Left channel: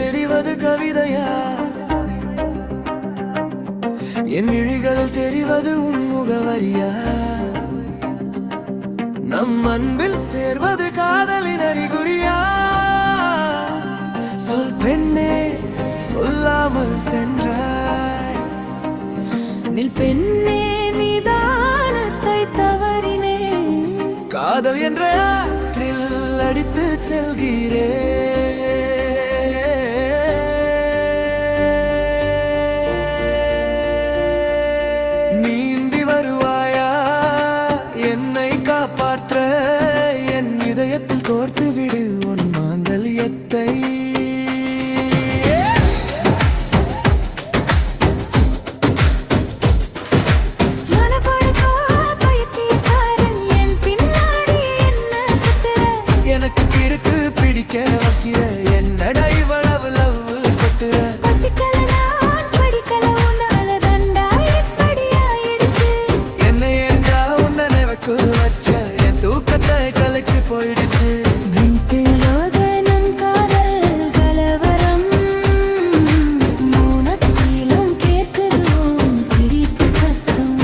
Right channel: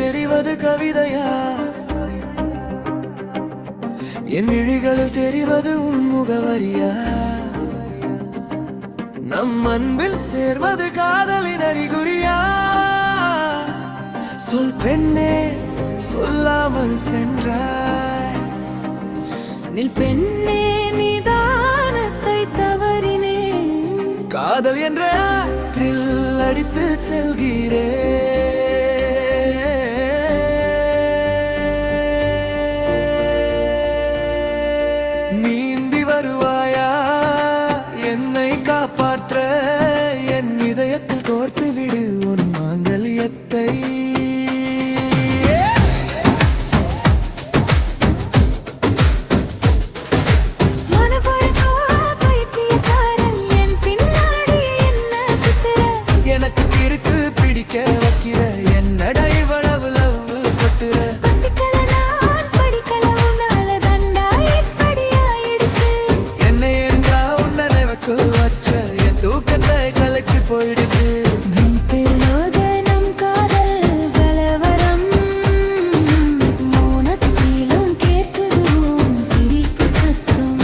தெரிவது கவிதையா? என் விழிகளில் தெரிவது உன் முகவரியா? நம் அன்பில் சேர்வது காதலின் அறிகுறியா? சொல் பெண்ணே, சொல்லாமல் சென்றாய். நில் பெண்ணே, நிதானத்தை தவறினே. காதல் என்ற ஆற்றில் அடித்து செல்கிறே. நீந்தி வருவாயா என்னை காப்பாற்ற? என் இதயத்தில் கோர்த்து விடு உன் மாங்கல்யத்தை. எனக்கு கிறுக்கு பிடிக்க வைக்கிற என்னடா இவ்வளவு லவ் கொட்டுற? பசிக்கல நான் படிக்கல உன்னால தண்டா இப்படி ஆயிடுச்சு. என்னை என்றா உன் நினைவுக்கு வச்ச என் தூக்கத்தை கலைச்சு போயிடுச்சு. நம் காதல் கலவரம் மௌனத்திலும் கேட்குது உன் சிரிப்பு சத்தம்.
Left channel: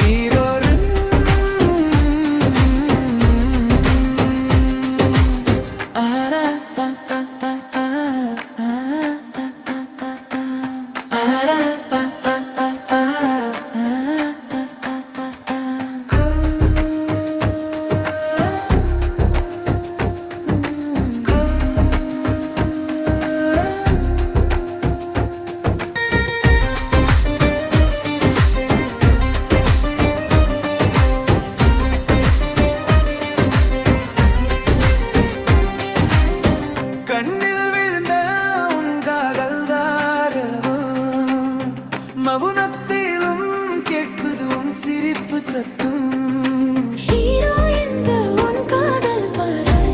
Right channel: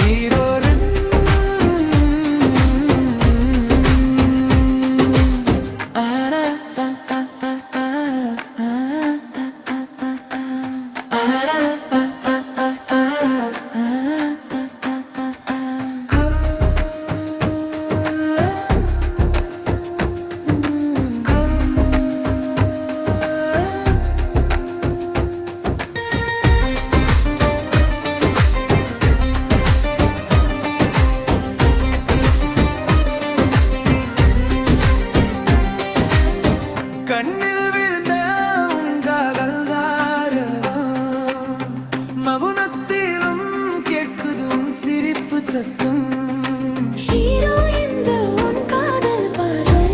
ஹீரோரின் கண்ணில் விழுந்த உன் காதல் தாரளவம். மவுனத்திலும் கேட்குது உன் சிரிப்பு சத்தம். ஹீரோ இந்த உன் காதல் பார்வை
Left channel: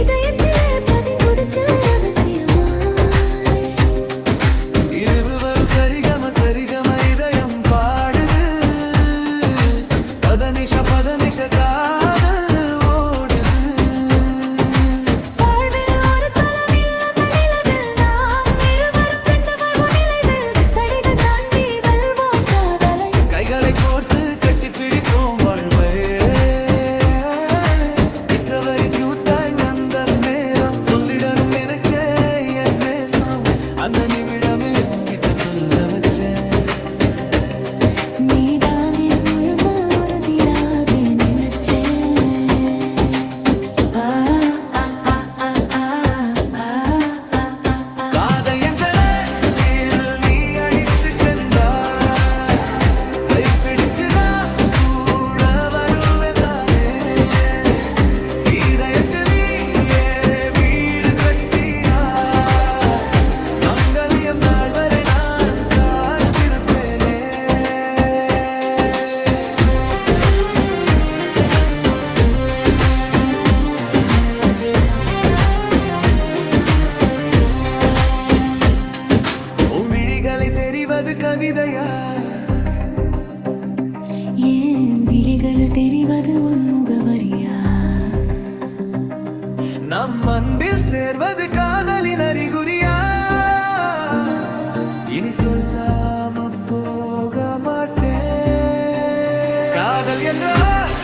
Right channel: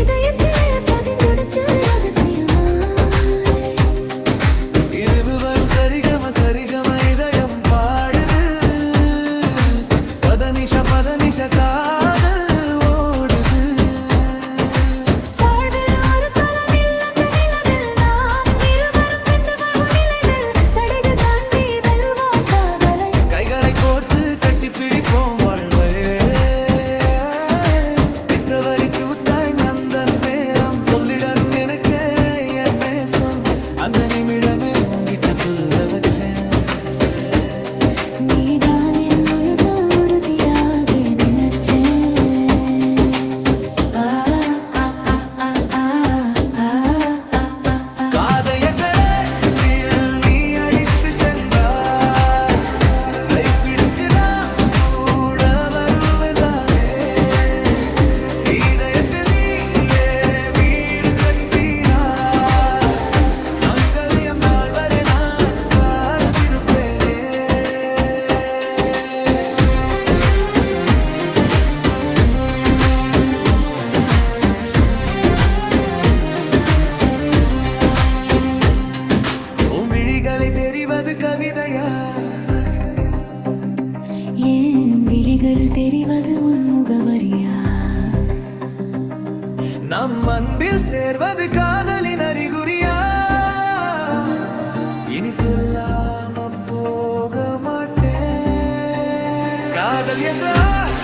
இதயத்திலே பதிந்துடுச்சு ரகசியமாய். இருவரும் சரிகம சரிகம இதயம் பாடுது. பதனிஷ பதனிஷ காதல் ஓடுது. கைகளை கோர்த்து கட்டி பிடிப்போம் வாழ்வை. பிப்ரவரி கூத்தாய் அந்த நேரம் சொல்லிடணும் நினைச்சே என் நேசம். அந்த நிமிடமே உங்கிட்ட சொல்ல வச்சேன். நீதான் என் முழும உறுதியாக நினைச்சேன். காதல் என்ற நீ அடித்து சென்றாய். கைப்பிடித்து நான் கூட வருவேன் தானே. இதயத்தில் நீயே வீடு கட்டினாய். மங்கல்யம் நாள் வரை நான் காத்திருப்பேனே. உன் விழிகளை தெரிவது கவிதையா? ஏன் விழிகள் தெரிவது உன் முகவரியா? நம் அன்பில் சேர்வது காதலின் அறிகுறியா? இனி சொல்லாம போக மாட்டேன். காதல் என்றால்